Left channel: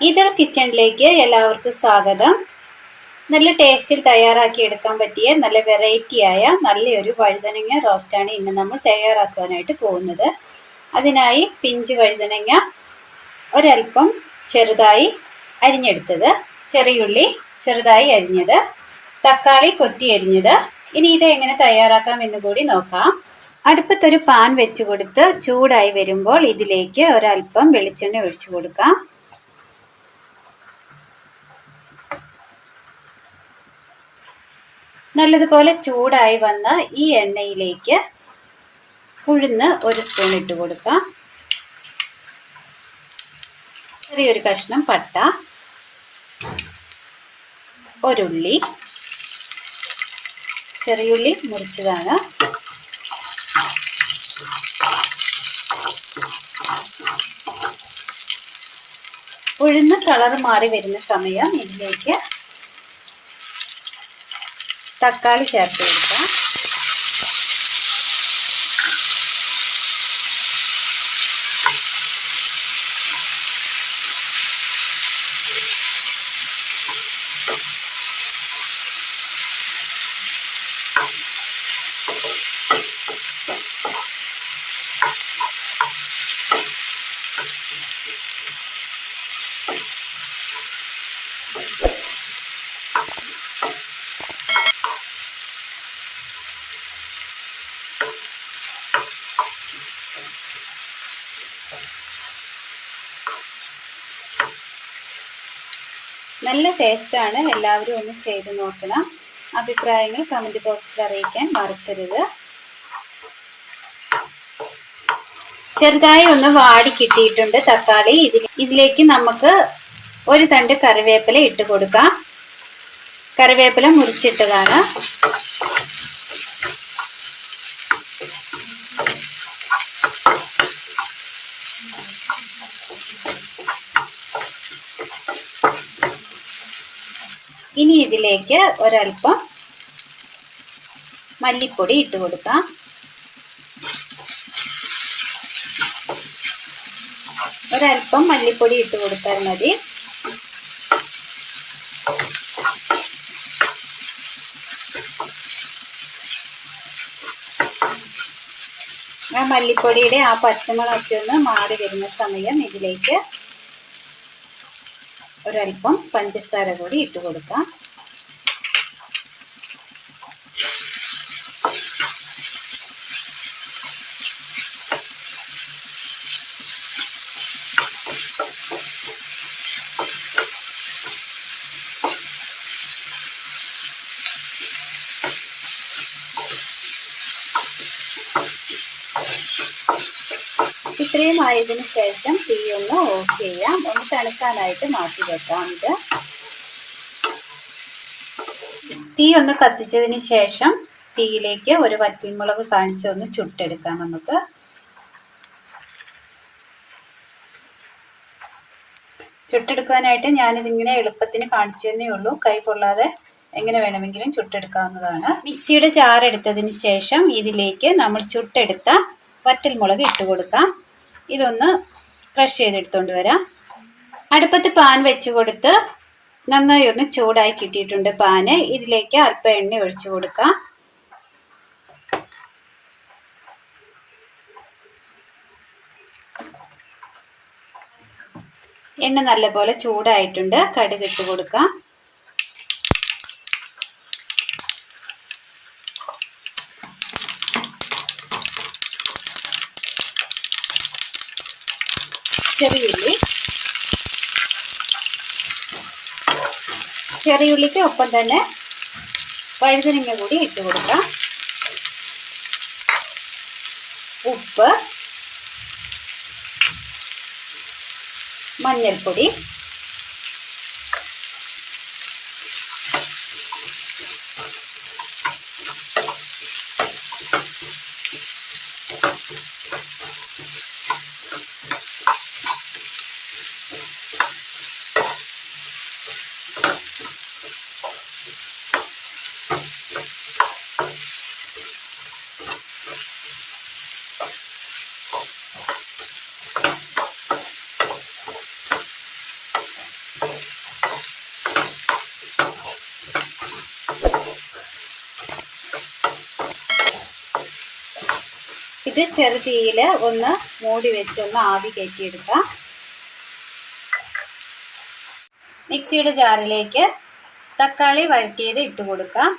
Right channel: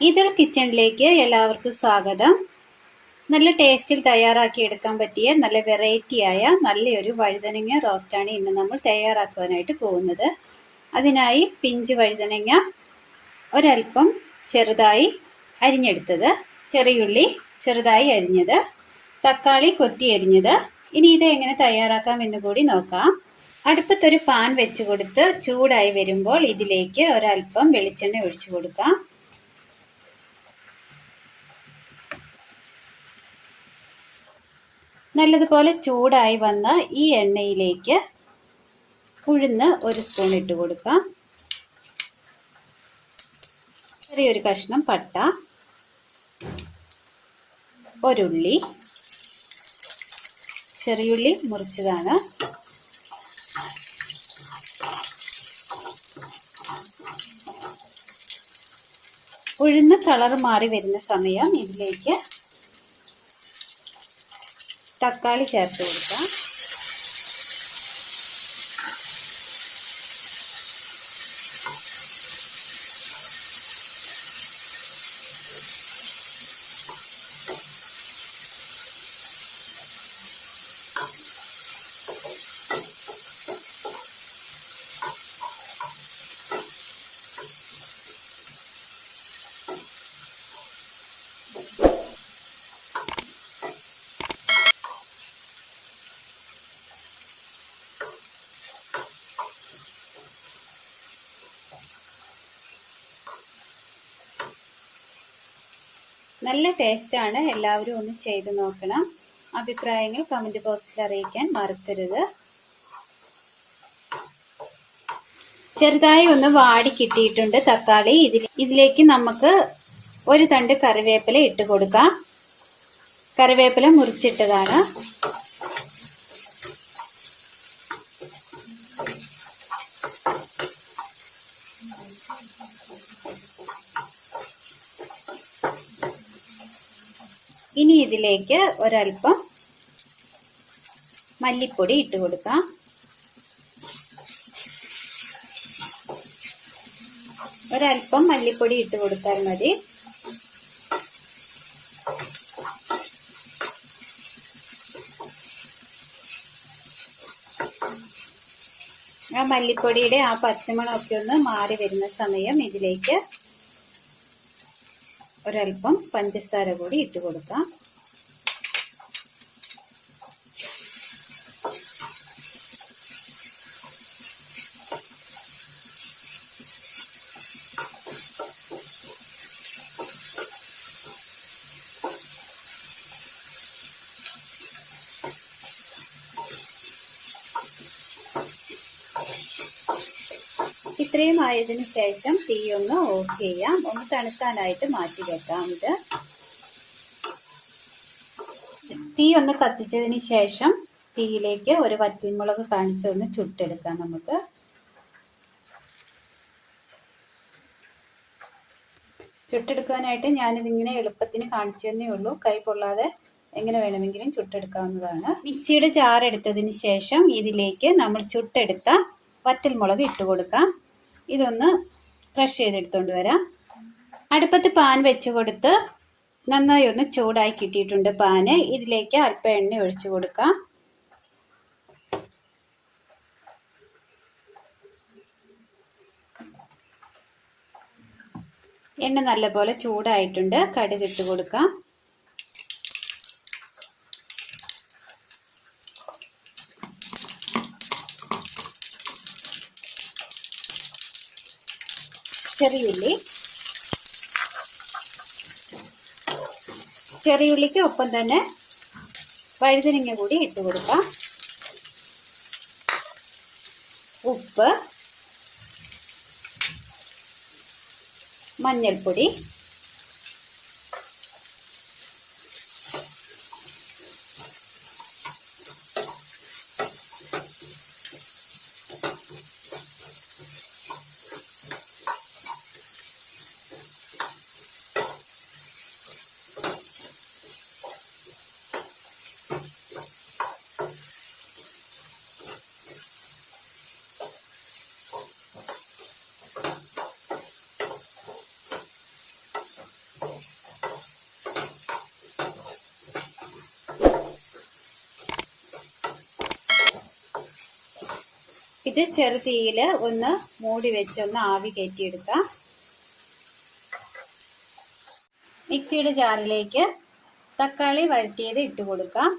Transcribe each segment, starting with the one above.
Ethyl കിച്ചണിലേക്ക് എല്ലാവർക്കും സ്വാഗതം. നല്ല ടേസ്റ്റിൽ തയ്യാറാക്കി എടുക്കാൻ പറ്റിയ നല്ല വെറൈറ്റിയായ നല്ലൊരു വഴുതനങ്ങ റോസ്റ്റാണ് ഇന്ന് നമ്മൾ തയ്യാറാക്കുവാനായിട്ട് പോകുന്നത്. അതിനായി പിഞ്ച് വഴുതനങ്ങ ഒരൽപ്പം ചെറുതായി അരിഞ്ഞെടുത്തത്. ചെറിയുള്ളി ചെറുതായി അരിഞ്ഞത്. തക്കാളി കൊത്തി അരിഞ്ഞത്. ഇനി ഇത് എങ്ങനെ തയ്യാറാക്കാം എന്ന് കൂടി നോക്കാം. അടുപ്പത്തൊരു പാൻ വെച്ച് കൊടുത്ത് ചൂടായി വരുമ്പോൾ ഇതിലേക്ക് ഒരൽപ്പം വെളിച്ചെണ്ണ ഒഴിച്ചു കൊടുക്കാം. നല്ലതുപോലെ ചൂടായി വന്ന ഈ എണ്ണയിലേക്ക് ഉഴുന്ന് ഒരു സ്പൂൺ ഇട്ട് കൊടുക്കാം ചെറിയൊരു കഷ്ണം പട്ട ഒരുള്ളി ചെറിയുള്ളി മുറിച്ചതാണ്. ഉഴുന്ന് കളർ മാറി വരുന്ന സമയം ഇതിലേക്ക് തക്കാളി ചേർത്ത് നല്ല ടേസ്റ്റാണ് എല്ലാവരും ഒന്ന് ചെയ്ത് നോക്കണം. അഭിപ്രായങ്ങൾ കമന്റ് ബോക്സിൽ അറിയിക്കാൻ മറക്കരുത്. ചെറുതായി ഒന്ന് വാടി കിട്ടിയിട്ടുണ്ട് തക്കാളി. ഇതിലേക്ക് നമുക്ക് ഒരു തണ്ട് കറിവേപ്പില ഇട്ട് കൊടുക്കാം. കറിവേപ്പില മുറിച്ചിട്ടതാണ്. ഇനി ഇതിലേക്ക് ഒരൽപ്പം മല്ലിപ്പൊടി ഇട്ട് കൊടുക്കാം. ഒരൽപ്പം മല്ലിപ്പൊടി ഇട്ട് കൊടുത്താൽ മതി. ആ മല്ലിപ്പൊടിയുടെ ആ പച്ചമുളകൊക്കെ ഒന്ന് മാറി വരുന്ന സമയം ഇതിലേക്ക് ഒരൽപ്പം പഞ്ചസാര കൂടി ഇട്ട് കൊടുക്കാം. ഇത്രയും ആയതിനു ശേഷം തീ ഒന്ന് ഓഫ് ചെയ്യാം. ഒന്ന് തണുക്കാനായിട്ട് മാറ്റി വെക്കാം. ഇത് തീ ഒന്ന് കത്തിച്ചതിന് ശേഷം തീയിലേക്ക് ഒരു വറ്റൽമുളക് കാണിച്ച് ഒന്ന് ചുട്ടെടുക്കാം നമുക്ക്. ചുട്ടെടുക്കാനായിട്ട് ഞാനിതിങ്ങനെ എളുപ്പത്തിന് കാണിച്ചു തന്നേ ഉള്ളൂ. കൈ കൊള്ളാതെ എങ്ങനെ വേണമെങ്കിലും ചുട്ടെടുക്കാവുന്നതാണ്. മിക്സിയുടെ ജാർ എടുത്തതിന് ശേഷം ഇതിലേക്ക് നമ്മൾ ചുട്ടെടുത്ത വറ്റൽമുളക് ഇട്ട് കൊടുക്കാം. ഇതൊന്ന് ക്രഷ് ചെയ്തെടുത്തോണ്ട് വരാം. അടുപ്പത്ത് പാൻ വെച്ച് കൊടുത്ത് നന്നായി ഒന്ന് ചൂടായി കിട്ടിയിട്ടുണ്ട് പാന് ഇതിലേക്ക് അല്പം എണ്ണ ഒഴിച്ചു കൊടുക്കാം. എണ്ണ നല്ലപോലെ ചൂടായിട്ടുണ്ട്. കടുക് ഇട്ട് കൊടുക്കാം. ചെറിയുള്ളി. ചെറിയുള്ളിക്ക് ഒപ്പം തന്നെ വഴുതനങ്ങ കൂടി ഇട്ട് കൊടുക്കാം. ഉപ്പ്. മഞ്ഞൾപ്പൊടി. ഇത് ചെറു തീയിൽ ഒന്ന് മൂടി വെച്ചൊന്ന് ആവി കയറ്റിയെടുക്കാം. മിക്സിയുടെ ജാറിലേക്ക് തക്കാളി വഴറ്റിയത് ഇട്ട് കൊടുക്കാം.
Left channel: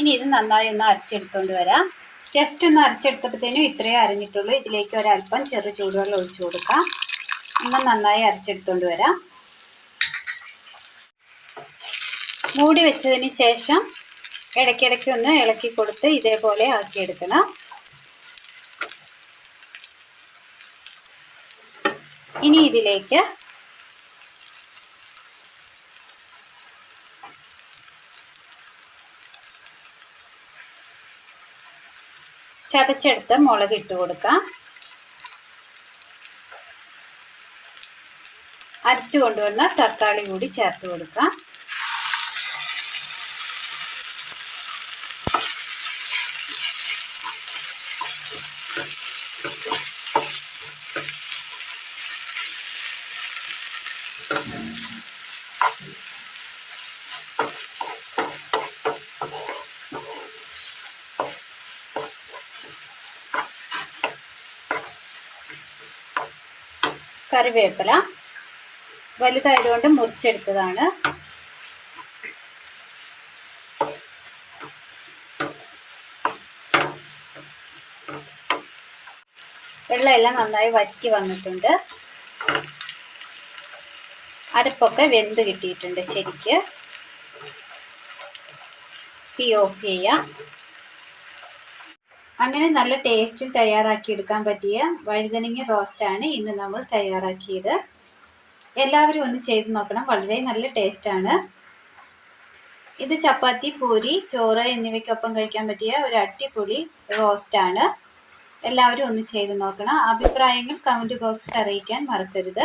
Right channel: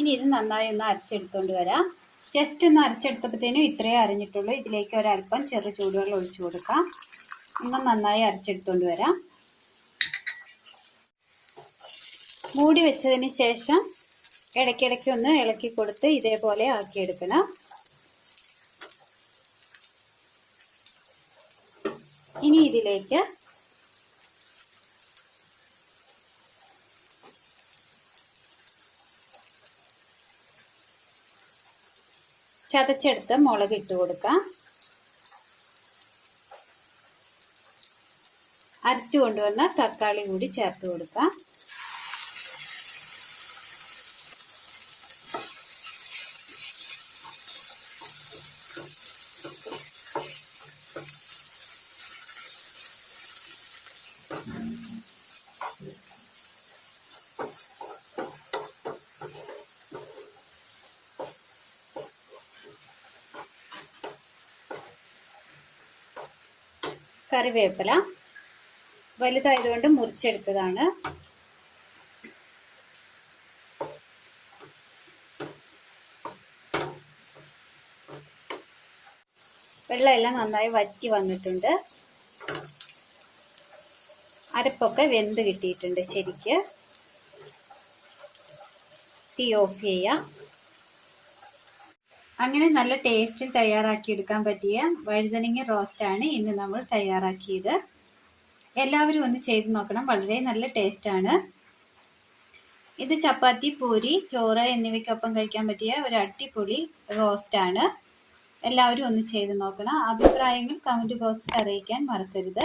ഇനി ഇത് നന്നായി ഒന്ന് അരച്ചെടുത്തുകൊണ്ട് വരാം. ജസ്റ്റ് ഒന്ന് അരച്ചെടുത്തപ്പോഴത്തേനും ഇത്രയും അരഞ്ഞിട്ടുള്ളൂ. ഇതിലേക്ക് ഒരല്പം ചെറു ചൂടുവെള്ളം ഒഴിച്ചു കൊടുക്കാം. ഒന്ന് നന്നായി അരച്ചെടുത്തുകൊണ്ട് വരാം. മൂടി വെച്ചതിന് ശേഷം ഇടയ്ക്കിടയ്ക്ക് ഒന്ന് ഇളക്കി കൊടുത്ത് ഇതേപോലെ ആക്കിയെടുക്കണം. ഇനി ഇതിലേക്ക് ചതച്ചെടുത്ത് മുളക് ഇട്ട് കൊടുക്കാം. അരച്ചു കൊണ്ടുവന്ന തക്കാളി കൂടി ചേർത്ത് കൊടുക്കാം. കറിവേപ്പില വലുതായതുകൊണ്ട് മുറിച്ചെടുത്തതാണ്. വെള്ളമെല്ലാം നന്നായി വറ്റി വന്നിട്ടുണ്ട്. അരപ്പൊക്കെ വെന്ത് കിട്ടിയിട്ടുണ്ട് ശരിക്ക്. തീ ഓഫ് ചെയ്യാം. അങ്ങനെ നല്ല ടേസ്റ്റിൽ തയ്യാറാക്കി എടുക്കാൻ പറ്റിയ വഴുതനങ്ങ റോസ്റ്റാണ് ഇന്ന് നമ്മൾ തയ്യാറാക്കിയത്. എല്ലാവരും ഒന്ന് ചെയ്ത് നോക്കണം. വളരെ നല്ല ടേസ്റ്റാണ് ഇത് ചപ്പാത്തി പൂരി ചോറ് എന്നിവയ്ക്കൊപ്പം കഴിക്കാൻ പറ്റിയ ഒരു അടിപൊളി റോസ്റ്റാണ് എല്ലാവരും ഒന്ന് ചെയ്ത് നോക്കണം. അഭിപ്രായങ്ങൾ കമന്റ് ബോക്സിൽ അറിയിക്കാൻ മറക്കരുത്.